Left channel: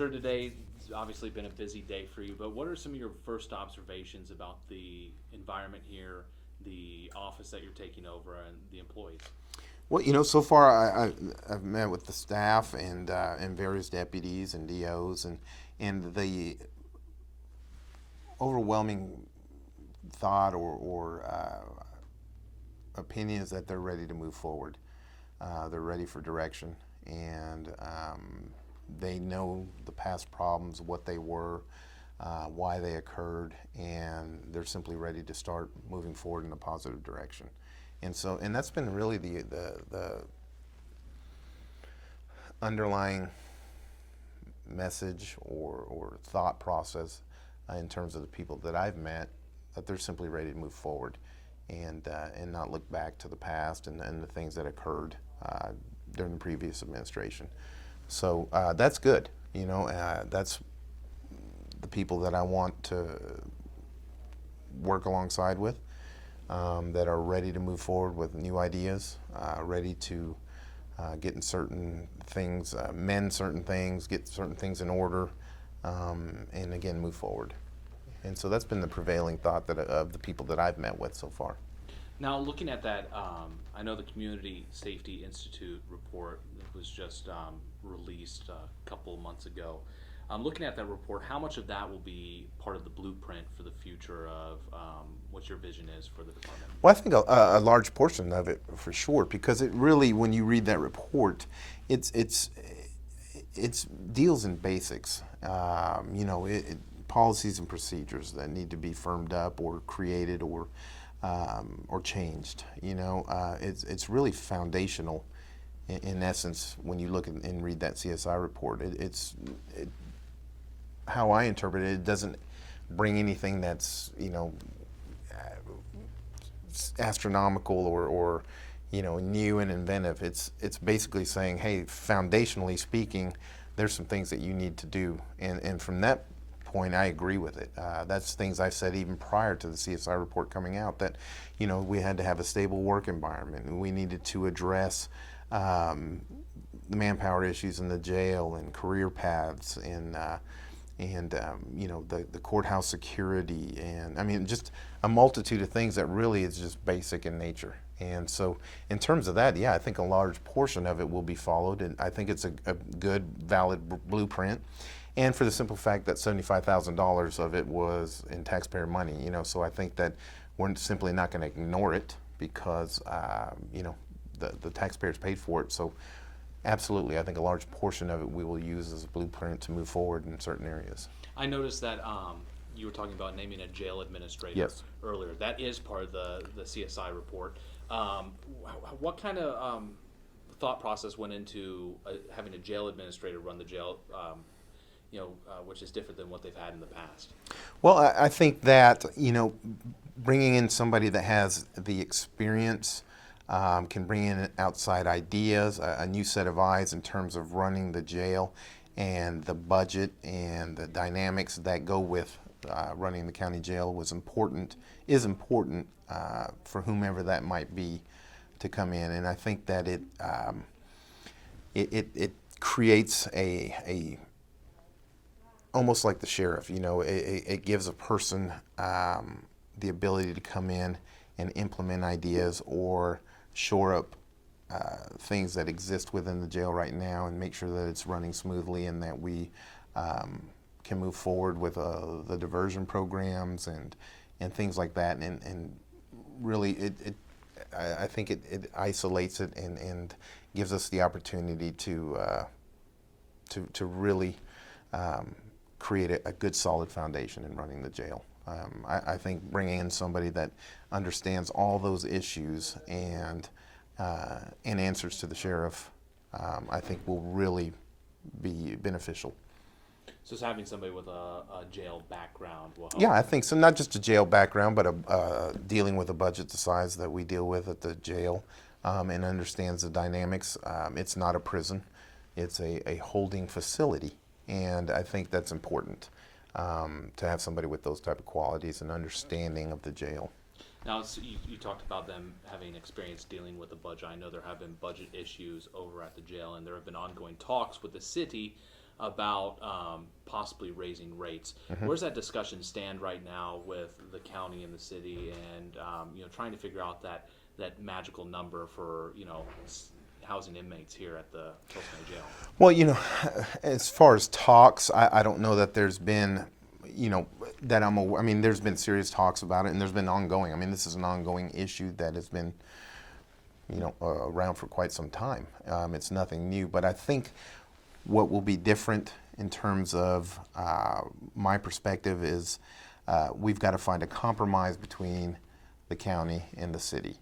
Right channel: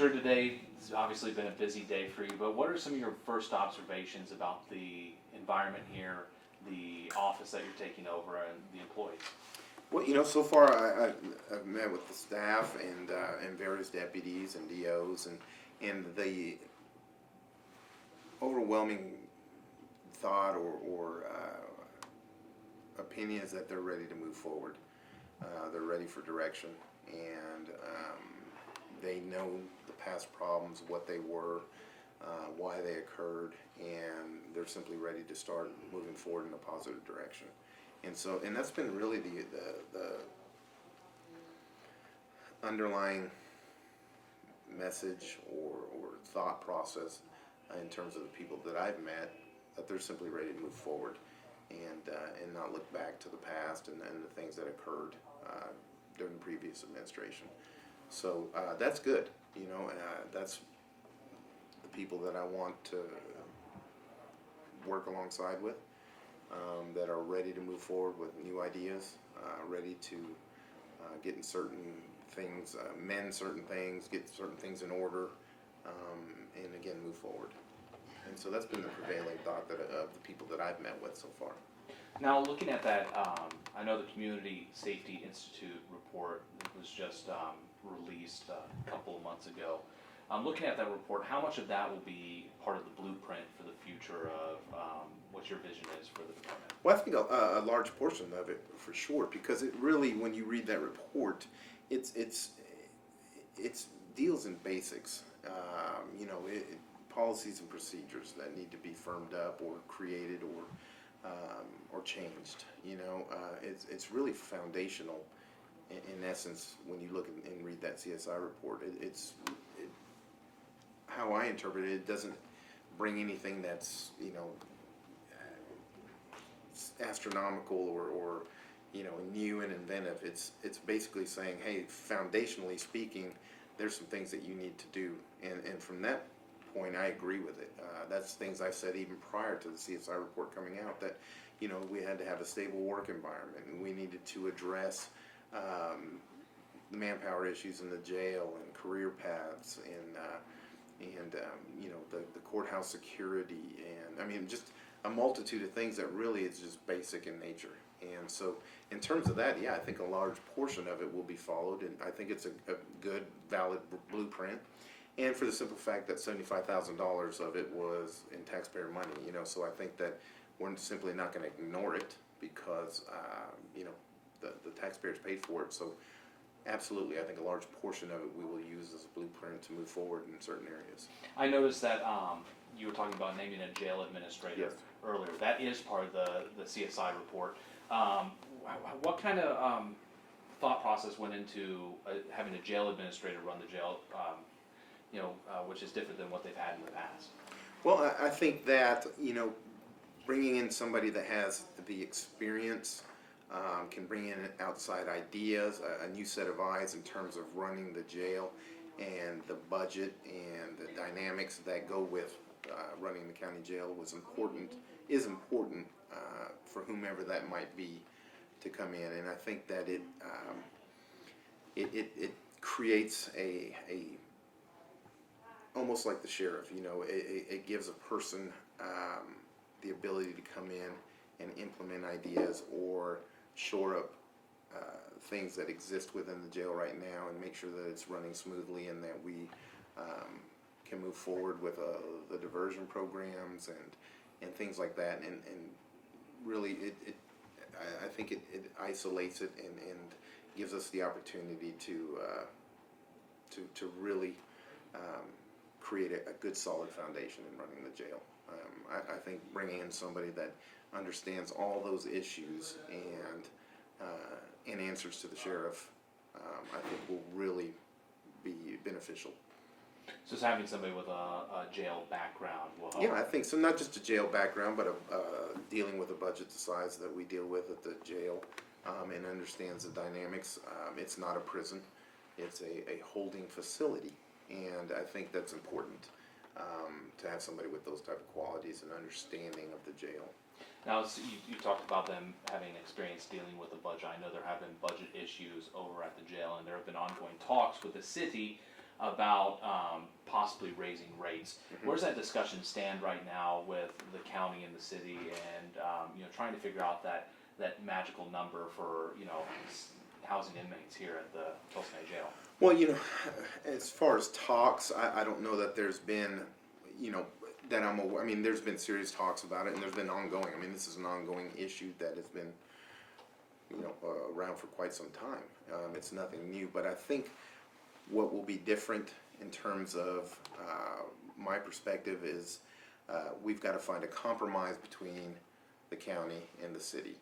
sure today's obviously been a busy day for you, but what are some of your first observations about the environment here, the office that you're taking over, and the employees? Well, so far I've met with the staff and various deputies and DOs, and the overwhelming thought or opinion is that they're ready to move forward. They're ready for direction, and they know the past problems, what they were, why they occurred, and they're simply ready to start moving forward in a positive direction. And that's been really the underlying message or thought process in terms of the people that I've met, that they're simply ready to move forward and not look back to the past and the things that occurred during the previous administration. So that's good. That's the people that I want to work alongside with, that are ready to move forward with new ideas, ready to get in certain things, mend certain things, get certain things in order, and again move forward. And so that's been the prevailing thought of the people that I've met with so far. Now, looking at that, I know the Community Safety Institute report that was just released a couple of months ago. Looking at that report, how much of that will be part of the blueprint for the future of what your vision is for the department? Well, I think a large portion of it for sure, because it really, when you read that report, it's deals in basics. Policies and procedures that need to be firmed up or created or changed. It's really foundational in essence when you look and read that CSI report. How I interpret it, it doesn't bring anything that's astronomical or new and inventive. It's basically saying, hey, foundationally speaking, there's some things that you need to do, and from that point, I agree with it. That's things I said even prior to the CSI report coming out, that we had to have a stable work environment, and we needed to address the manpower issues in the jail and career paths and the courthouse security, and I mean just a multitude of things that really is just basic in nature. And so in terms of that, yeah, I think a large portion of it will be followed, and I think it's a good, valid blueprint. And for the simple fact that $75,000 of it was in taxpayer money, so I think that we're simply not going to ignore it because, the taxpayers paid for it. So absolutely, I think a large portion of it we will use as a blueprint to move forward in certain areas. I noticed that you were talking about naming a jail administrator Yes. earlier. That is part of the CSI report. What kind of thought process went into having a jail administrator run the jail, which is different than what they've had in the past? Well, I think that, bringing in somebody that has the experience, can bring in outside ideas, a new set of eyes in terms of running the jail and the budget and the dynamics that go with running the county jail is important for whomever that might be to come in. And I think that it creates a almost like the sheriff, it gives a person the ability to come in and implement ideas or shore up things that exist within the jail right now and make sure that it's running smoothly, and that we can move forward with the diversion programs and things like that. And really, I think it isolates it and gives us the opportunity to really create a good solid foundation in running the jail. I think bringing in somebody that understands all those issues and answers to the sheriff, I think will really be beneficial. So it's having somebody with a jail background will help. Yeah, I think so. Not just a jail background, but dealing with a budget the size that we deal with at the jail, and understands the dynamics. It's not a prison; it's a holding facility, and I think that's important to have somebody with those type of qualities and understanding of the jail. Now, so you talked about them having experience dealing with the budget. I know there have been budget issues over at the jail, and there have been ongoing talks with the city about possibly raising rates. Where's that discussion stand right now with the county and the city, and trying to figure out that magical number for housing inmates here at the Tulsa County Jail? Well, as far as talks, I don't know that there's been, that I'm aware. I mean, there's been serious talks about it, and there's been ongoing. I mean, this is an ongoing issue that has been, around for quite some time. It's nothing new, but I think what will be different in terms of my perspective is we've got to find a compromise between the county and the city.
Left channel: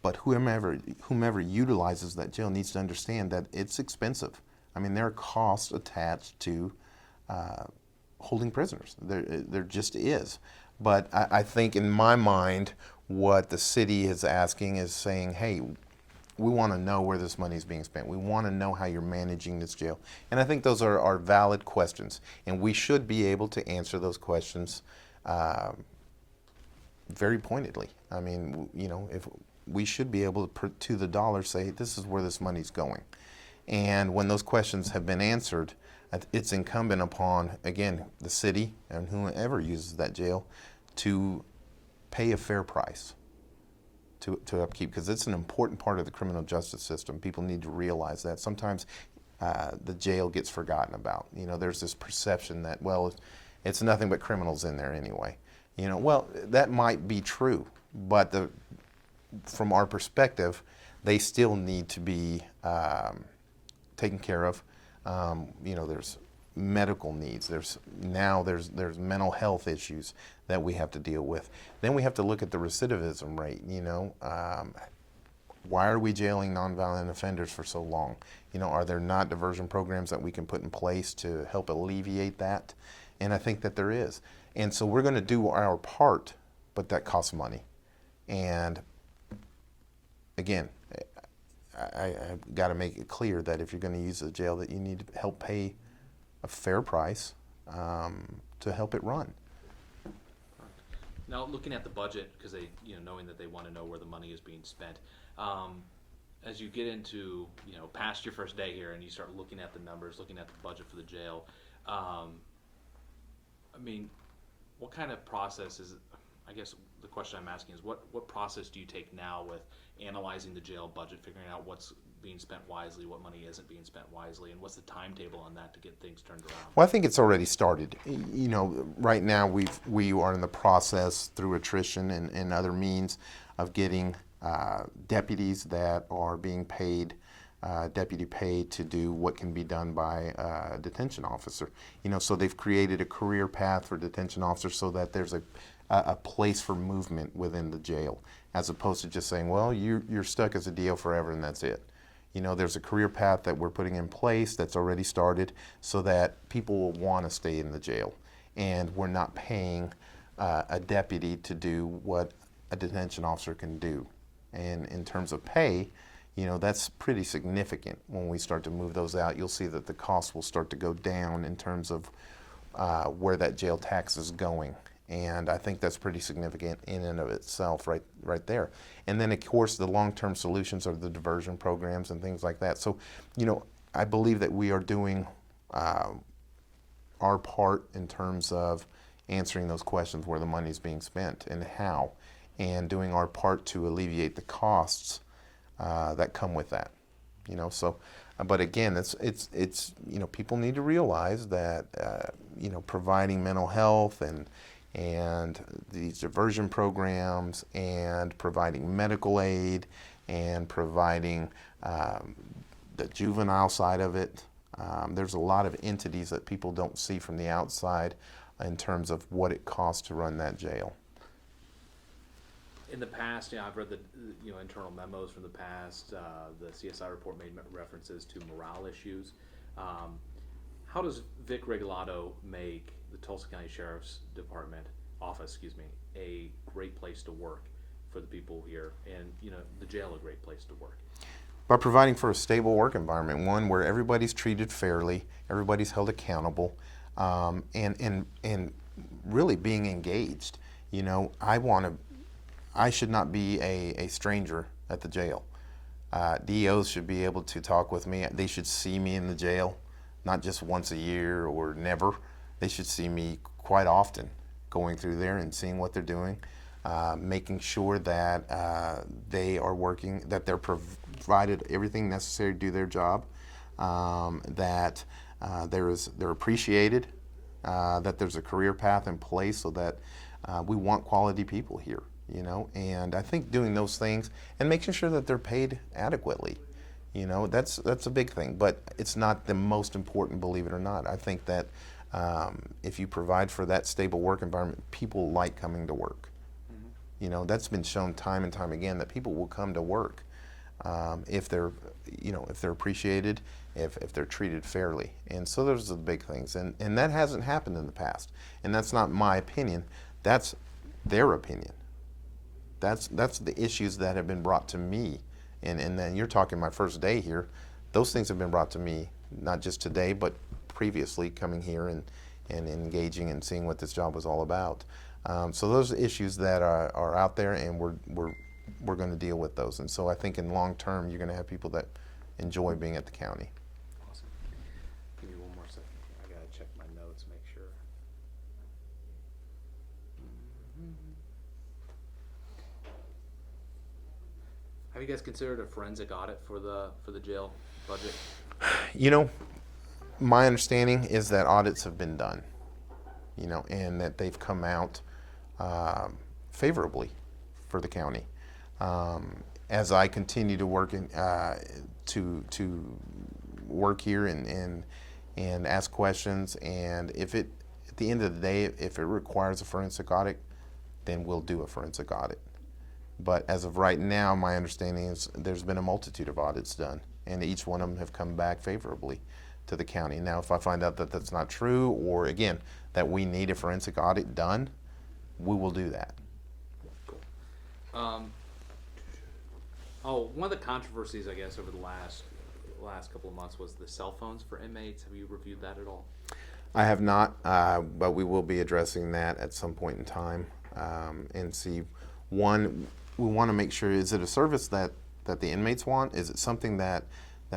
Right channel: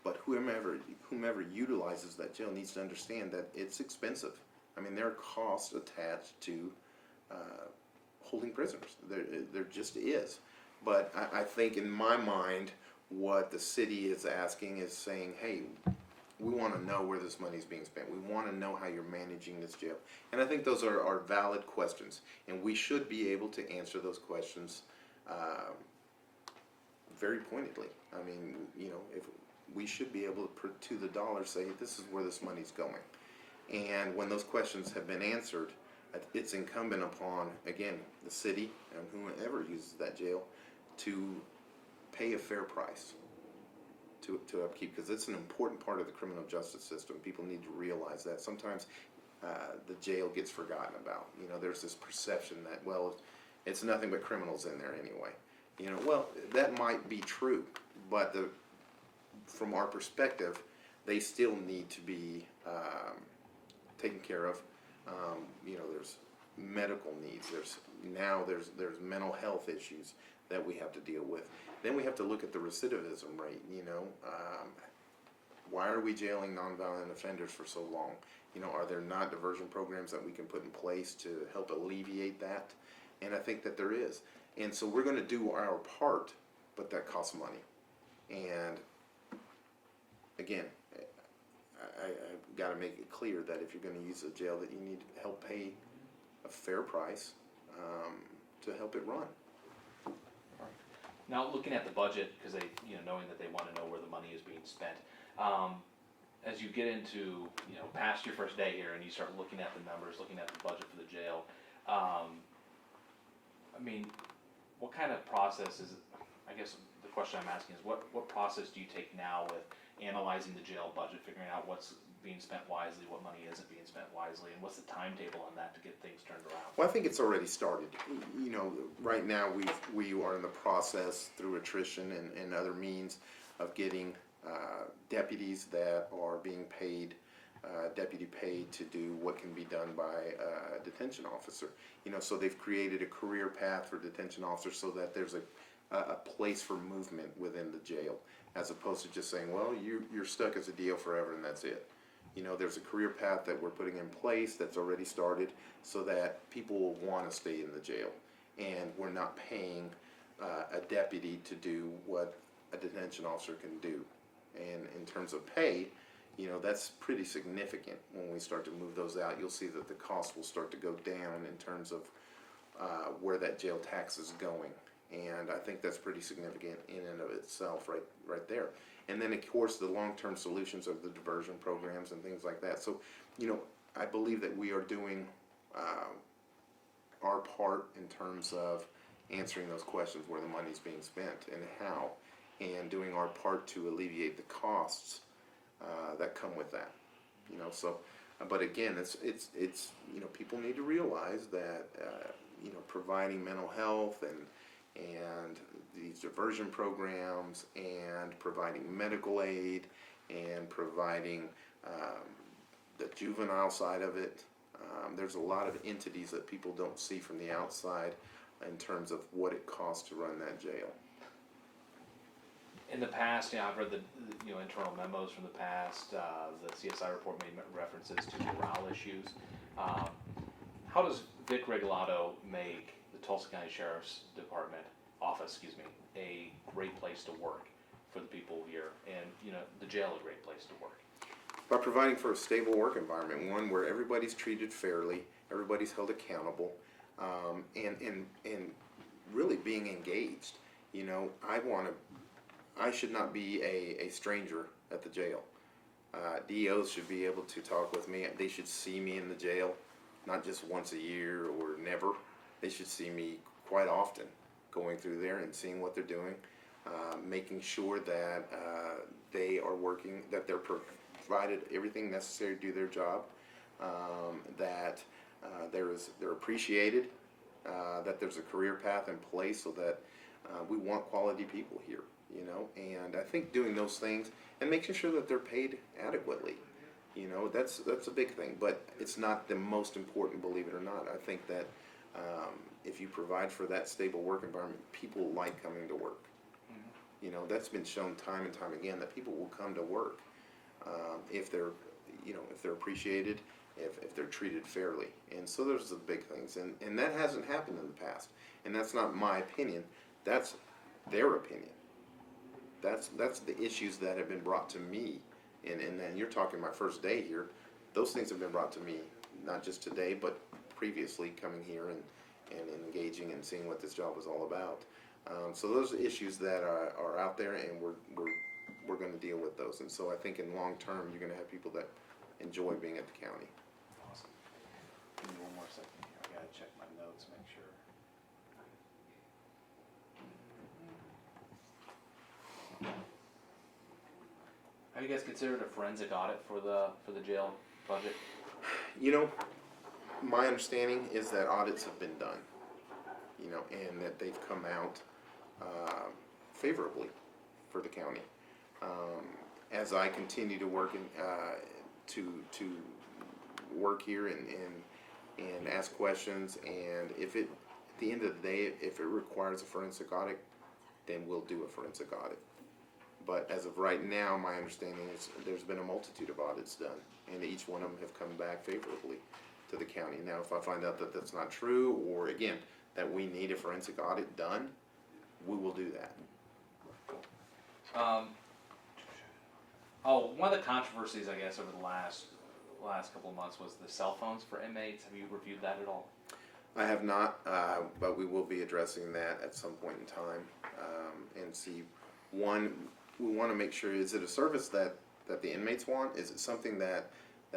But whomever utilizes that jail needs to understand that it's expensive. I mean, there are costs attached to holding prisoners. There just is. But I think in my mind, what the city is asking is saying, hey, we want to know where this money is being spent. We want to know how you're managing this jail. And I think those are valid questions. And we should be able to answer those questions very pointedly. I mean, if we should be able to the dollar say, this is where this money's going. And when those questions have been answered, it's incumbent upon, again, the city and whoever uses that jail to pay a fair price to upkeep, because it's an important part of the criminal justice system. People need to realize that. Sometimes the jail gets forgotten about. There's this perception that, well, it's nothing but criminals in there anyway. Well, that might be true, but from our perspective, they still need to be taken care of. There's medical needs. There's mental health issues that we have to deal with. Then we have to look at the recidivism rate. Why are we jailing nonviolent offenders for so long? Are there not diversion programs that we can put in place to help alleviate that? And I think that there is. And so we're going to do our part, but that costs money. And again, I've got to make it clear that if you're going to use the jail, that you need to help pay a fair price to help it run. Now, looking at the budget, because knowing that they want to know where the money is being spent, as you get into past your first day here and you start looking at the numbers, looking at the budget for the jail, what kind of process is it? I guess the question I'm asking is what process do you take now with analyzing the jail budget, figuring out what's being spent wisely, what money isn't being spent wisely, and what's the timetable on that to get things turned around? Well, I think it's already started. Right now we are in the process through attrition and other means of getting deputies that are being paid, deputy pay to do what can be done by a detention officer. So they've created a career path for detention officers so that there's a place for movement within the jail, as opposed to just saying, well, you're stuck as a DO forever and that's it. There's a career path that we're putting in place that's already started so that people will want to stay in the jail. And we're not paying a deputy to do what a detention officer can do. And in terms of pay, that's pretty significant. When we start to move those out, you'll see that the cost will start to go down in terms of where that jail tax is going. And I think that's pretty significant in and of itself right there. And then, of course, the long-term solutions are the diversion programs and things like that. So, I believe that we are doing our part in terms of answering those questions, where the money is being spent and how, and doing our part to alleviate the costs that come with that. So, but again, it's people need to realize that providing mental health and these diversion programs and providing medical aid and providing the juvenile side of it. There's a lot of entities that people don't see from the outside in terms of what it costs to run that jail. In the past, I've read the internal memos from the past. The CSI report made references to morale issues. How does Vic Regalado make the Tulsa County Sheriff's Department office, a great place to work for the people here, and the jail a great place to work? By providing for a stable work environment, one where everybody's treated fairly, everybody's held accountable, and really being engaged. I should not be a stranger at the jail. DOs should be able to talk with me. They should see me in the jail, not just once a year or never. They should see me quite often going through there and seeing what they're doing, making sure that they are working, that they're provided everything necessary to do their job, that they're appreciated, that there's a career path in place, so that we want quality people here, you know. And I think doing those things and making sure that they're paid adequately, you know, that's a big thing. But it's not the most important, believe it or not. I think that if you provide for that stable work environment, people like coming to work. Mm-hmm. You know, that's been shown time and time again that people will come to work if they're, you know, if they're appreciated, if they're treated fairly. And so those are the big things. And that hasn't happened in the past. And that's not my opinion. That's their opinion. That's the issues that have been brought to me. And then you're talking my first day here. Those things have been brought to me, not just today, but previously, coming here and engaging and seeing what this job was all about. So those are issues that are out there, and we're going to deal with those. And so I think in long term, you're going to have people that enjoy being at the county. Awesome. Give me one more second here. I gotta check my notes, make sure. Have you guys considered a forensic audit for the jail budget? You know, my understanding is that audits have been done, you know, and that they've come out favorably for the county. As I continue to work to work here and ask questions, and if it, at the end of the day, if it requires a forensic audit, then we'll do a forensic audit. But as of right now, my understanding is there's been a multitude of audits done, and each one of them have come back favorably to the county. Now, if I find out that that's not true, or again, that we need a forensic audit done, we will do that. Cool. One of the controversies, I guess, over the last couple of months was the cell phones for inmates. Have you reviewed that at all? I have not, but we will be addressing that at some point in time, and see. One, we want to make sure, is it a service that the inmates want? Is it something that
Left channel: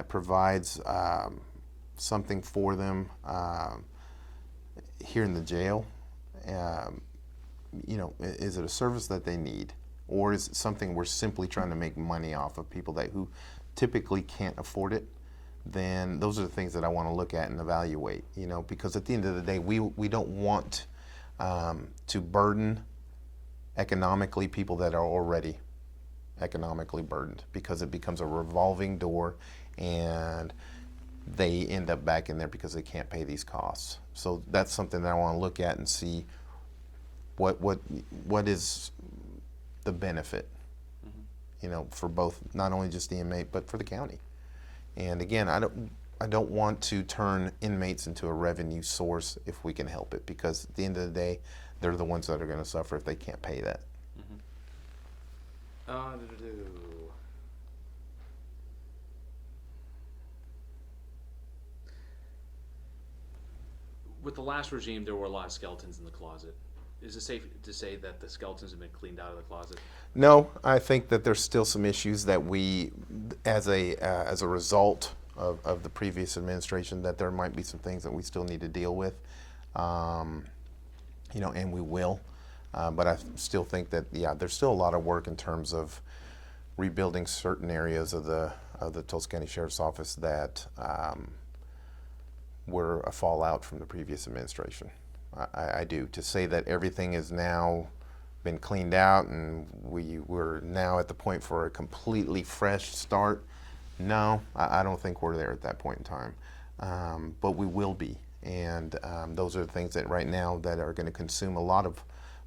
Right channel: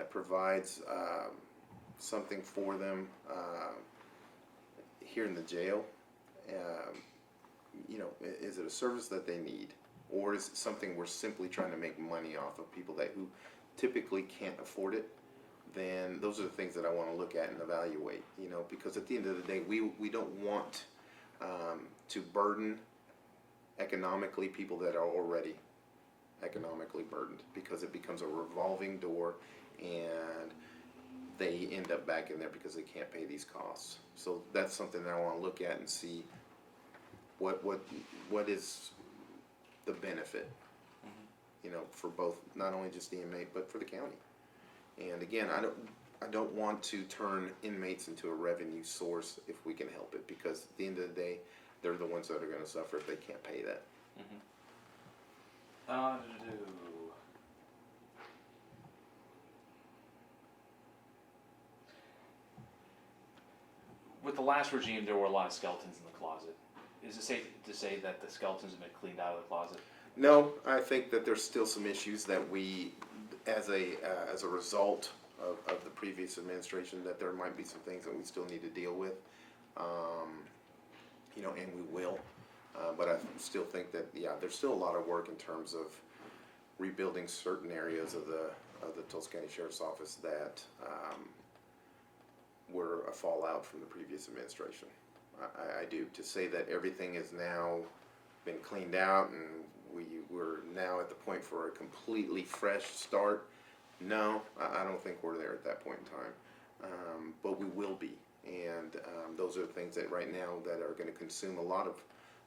provides something for them here in the jail? You know, is it a service that they need? Or is it something we're simply trying to make money off of people who typically can't afford it? Then those are the things that I want to look at and evaluate, you know, because at the end of the day, we don't want to burden economically people that are already economically burdened, because it becomes a revolving door and they end up back in there because they can't pay these costs. So that's something that I want to look at and see what is the benefit, you know, for both, not only just the inmate but for the county. And again, I don't want to turn inmates into a revenue source if we can help it, because at the end of the day, they're the ones that are going to suffer if they can't pay that. With the last regime, there were a lot of skeletons in the closet. Is it safe to say that the skeletons have been cleaned out of the closet? No, I think that there's still some issues that we, as a result of the previous administration, that there might be some things that we still need to deal with. You know, and we will. But I still think that, yeah, there's still a lot of work in terms of rebuilding certain areas of the Tulsa County Sheriff's Office that were a fallout from the previous administration. I do. To say that everything is now been cleaned out and we're now at the point for a completely fresh start, no, I don't think we're there at that point in time. But we will be. And those are the things that right now that are going to consume a lot of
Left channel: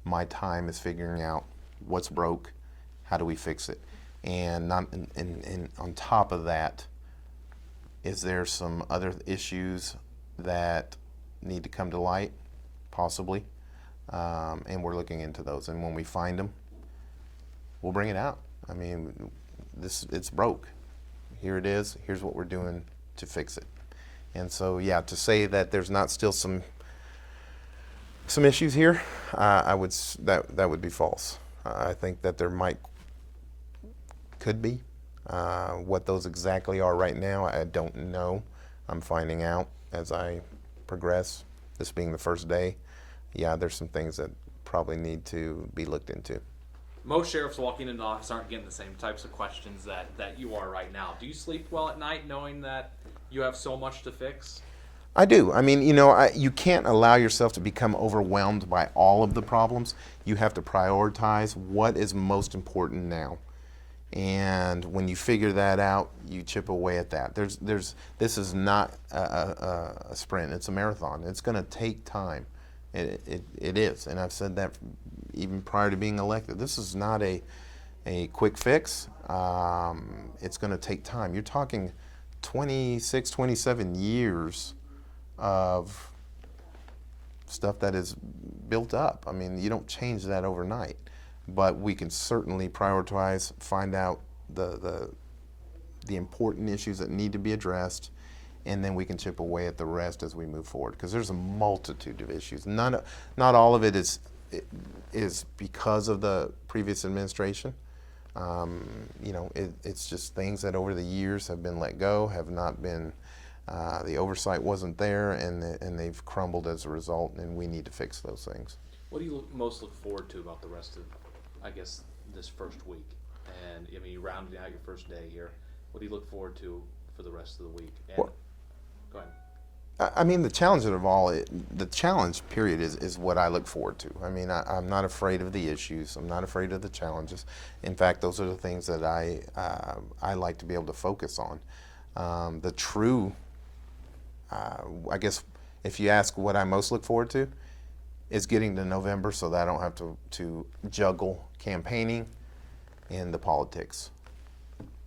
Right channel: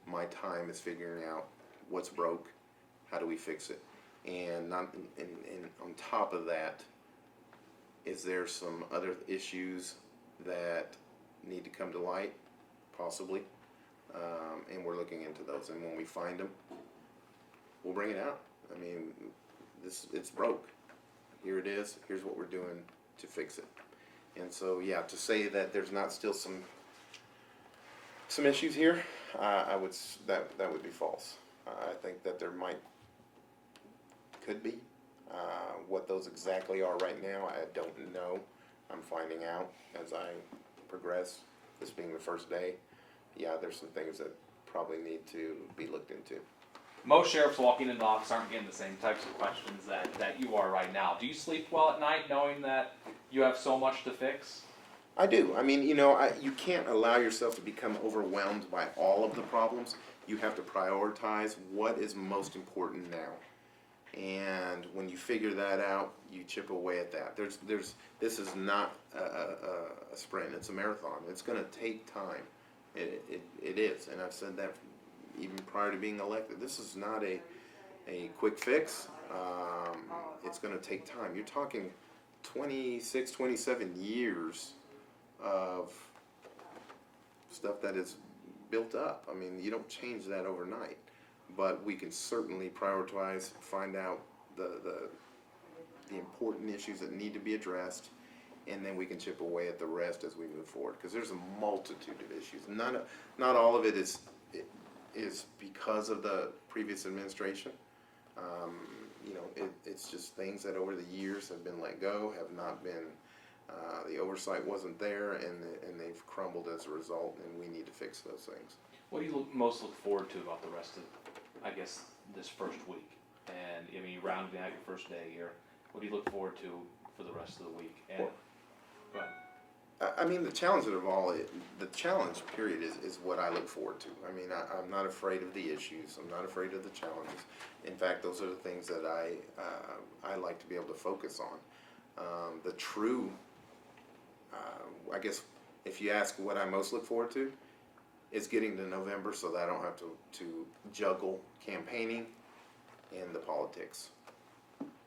my time, is figuring out what's broke, how do we fix it, and on top of that, is there some other issues that need to come to light, possibly, and we're looking into those. And when we find them, we'll bring it out. I mean, it's broke. Here it is. Here's what we're doing to fix it. And so, yeah, to say that there's not still some issues here, that would be false. I think that there could be, What those exactly are right now, I don't know. I'm finding out as I progress. This being the first day, yeah, there's some things that probably need to be looked into. Most sheriffs walking into the office aren't getting the same types of questions that you are right now. Do you sleep well at night knowing that you have so much to fix? I do. I mean, you can't allow yourself to become overwhelmed by all of the problems. You have to prioritize what is most important now. And when you figure that out, you chip away at that. This is not a sprint. It's a marathon. It's going to take time. It is. And I've said that even prior to being elected. This is not a quick fix. It's going to take time. You're talking 26, 27 years of stuff that is built up. I mean, you don't change that overnight, but we can certainly prioritize, find out the important issues that need to be addressed, and then we can chip away at the rest as we move forward. Because there's a multitude of issues. Not all of it is because of the previous administration. It's just things that over the years have been let go, have not been. The oversight wasn't there, and they've crumbled as a result, and we need to fix those things. What do you most look forward to about the rest of, I guess, this first week? And I mean, you rounded out your first day here. What do you look forward to for the rest of the week? And, Well, go ahead. I mean, the challenge period is what I look forward to. I mean, I'm not afraid of the issues. I'm not afraid of the challenges. In fact, those are the things that I like to be able to focus on. The true, I guess, if you ask what I most look forward to, is getting to November so that I don't have to juggle campaigning and the politics.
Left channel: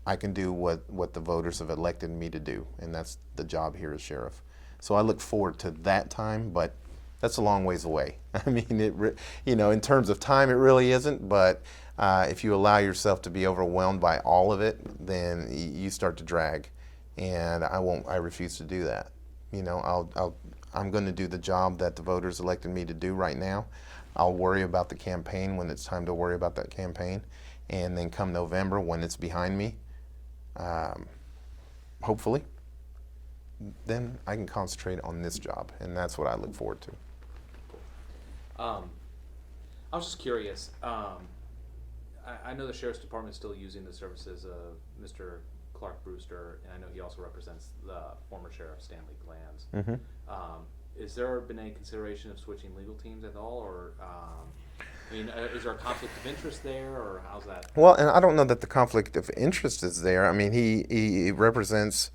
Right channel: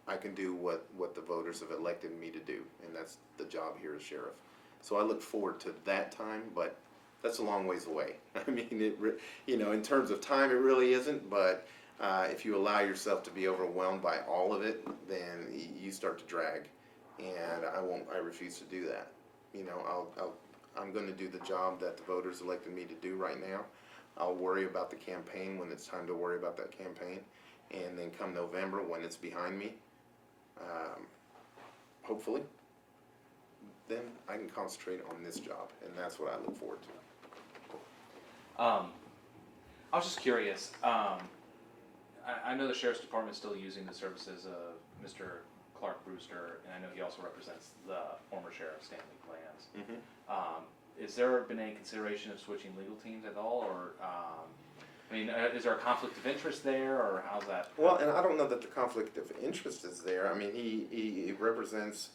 I can do what the voters have elected me to do, and that's the job here as sheriff. So I look forward to that time, but that's a long ways away. I mean, in terms of time, it really isn't, but if you allow yourself to be overwhelmed by all of it, then you start to drag, and I refuse to do that. I'm going to do the job that the voters elected me to do right now. I'll worry about the campaign when it's time to worry about that campaign, and then come November when it's behind me, hopefully, then I can concentrate on this job, and that's what I look forward to. I was just curious. I know the sheriff's department is still using the services of Mr. Clark Brewster, and I know he also represents the former sheriff Stanley Glanz. Mm-hmm. Is there been any consideration of switching legal teams at all, or is there a conflict of interest there, or how's that? Well, and I don't know that the conflict of interest is there. I mean, he represents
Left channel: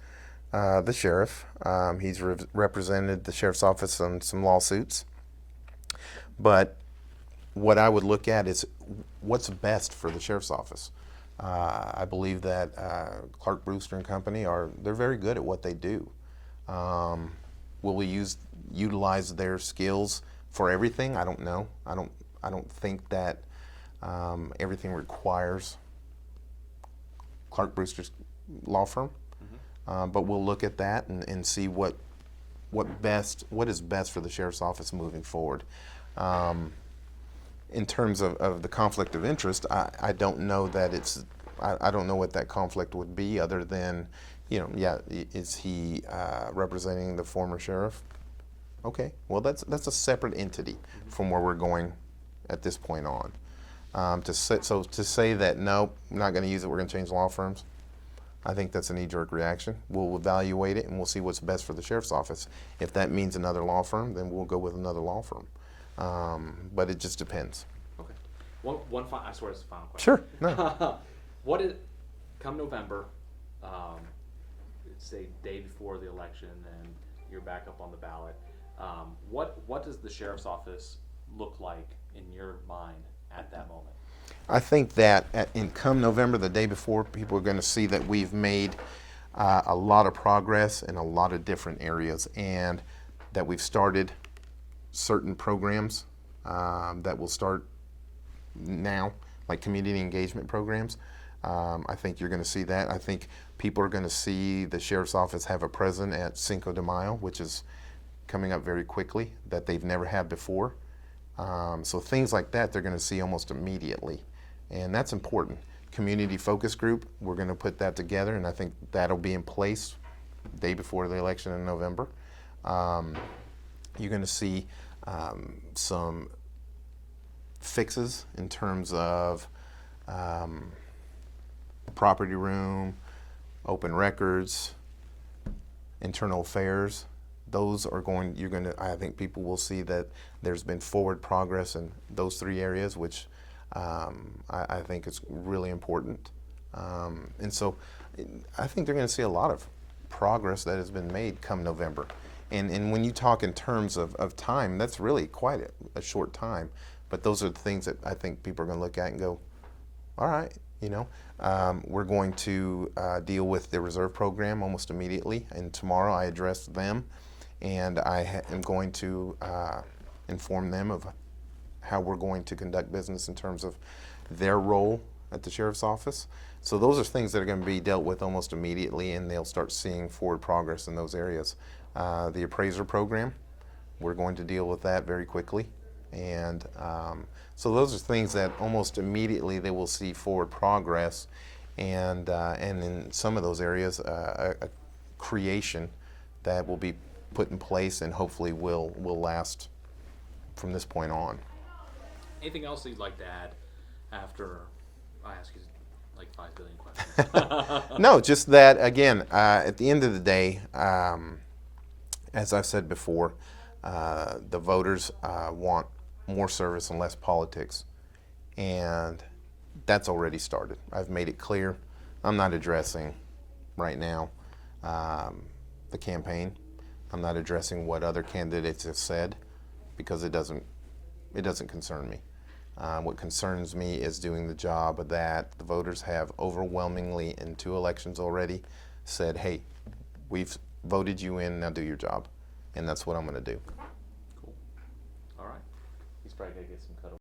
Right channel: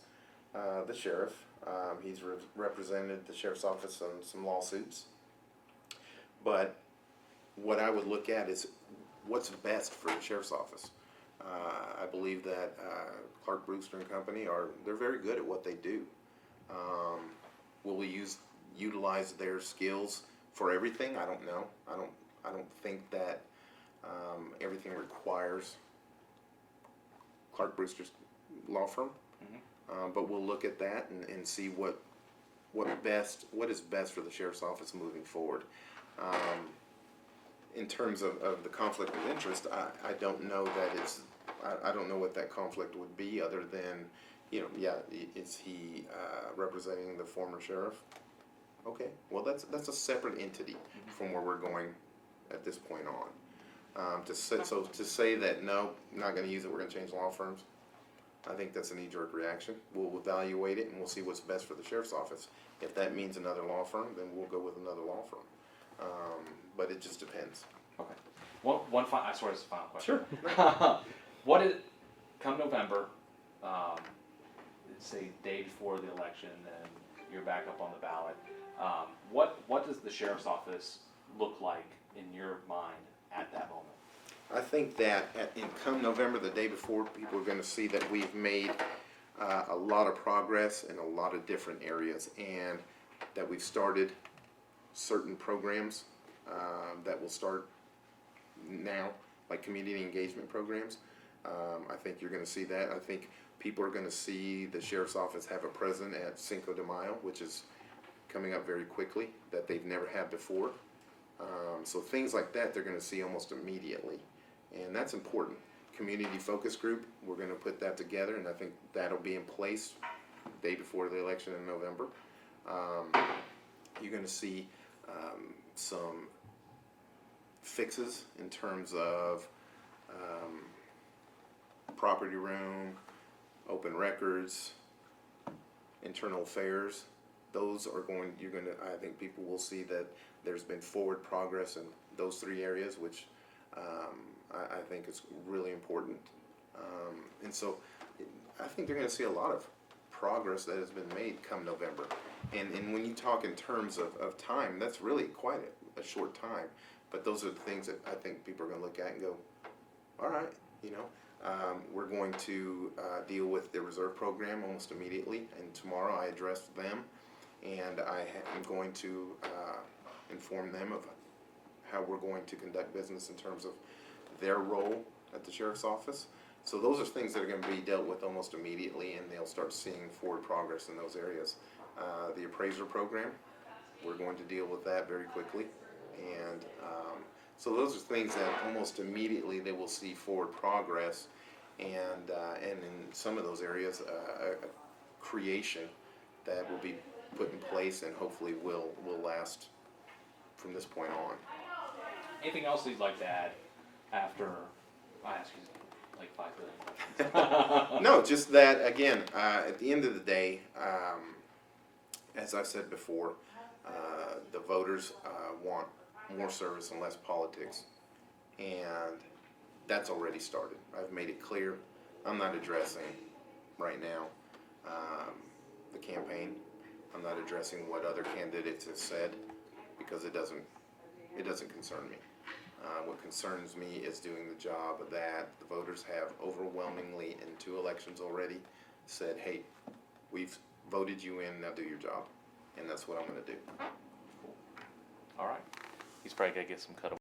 the sheriff. He's represented the sheriff's office on some lawsuits. But what I would look at is what's best for the sheriff's office. I believe that Clark Brewster and Company they're very good at what they do. Will we utilize their skills for everything? I don't know. I don't think that everything requires Clark Brewster's law firm. Mm-hmm. But we'll look at that and see what is best for the sheriff's office moving forward. In terms of the conflict of interest, I don't know that I don't know what that conflict would be other than, is he representing the former sheriff? Okay, well that's a separate entity from where we're going at this point on. To say that no, I'm not going to use it, we're going to change law firms, I think that's a knee-jerk reaction. We'll evaluate it and we'll see what's best for the sheriff's office. If that means another law firm, then we'll go with another law firm. But it just depends. Okay. I swear it's the final question. Sure. No. Come November, say day before the election, and you're back up on the ballot. What does the sheriff's office look like in your mind at that moment? I think that come November, the day before, people are going to see that we've made a lot of progress in a lot of different areas, and that we've started certain programs that will start now, like community engagement programs. I think you're going to see that. I think people are going to see the sheriff's office have a presence at Cinco de Mayo, which is coming up very quickly, that they've never had before. So things like that they're going to see almost immediately, and that's important. community focus group. We're going to put that together, and I think that'll be in place the day before the election in November. You're going to see some fixes in terms of property room, open records, internal affairs. Those are going, I think people will see that there's been forward progress in those three areas, which I think is really important. And so I think they're going to see a lot of progress that has been made come November. And when you talk in terms of time, that's really quite a short time. But those are the things that I think people are going to look at and go, all right, we're going to deal with the reserve program almost immediately. And tomorrow I addressed them, and I am going to inform them of how we're going to conduct business in terms of their role at the sheriff's office. So those are things that are going to be dealt with almost immediately, and they'll start seeing forward progress in those areas. The appraiser program, we're going to deal with that very quickly. And so those are things that almost immediately they will see forward progress, and in some of those areas, a creation that will be put in place and hopefully will last from this point on. Anything else that you'd like to add after I ask you like 5 billion questions? No, just that, again, at the end of the day, as I've said before, the voters want more service and less politics. And that's already started. I've made it clear. I'm not addressing right now the campaign. I'm not addressing what other candidates have said, because it doesn't concern me. What concerns me is doing the job that the voters have overwhelmingly in 2 elections already said, hey, we've voted you in, now do your job. And that's what I'm going to do. All right. He's probably got to get some cut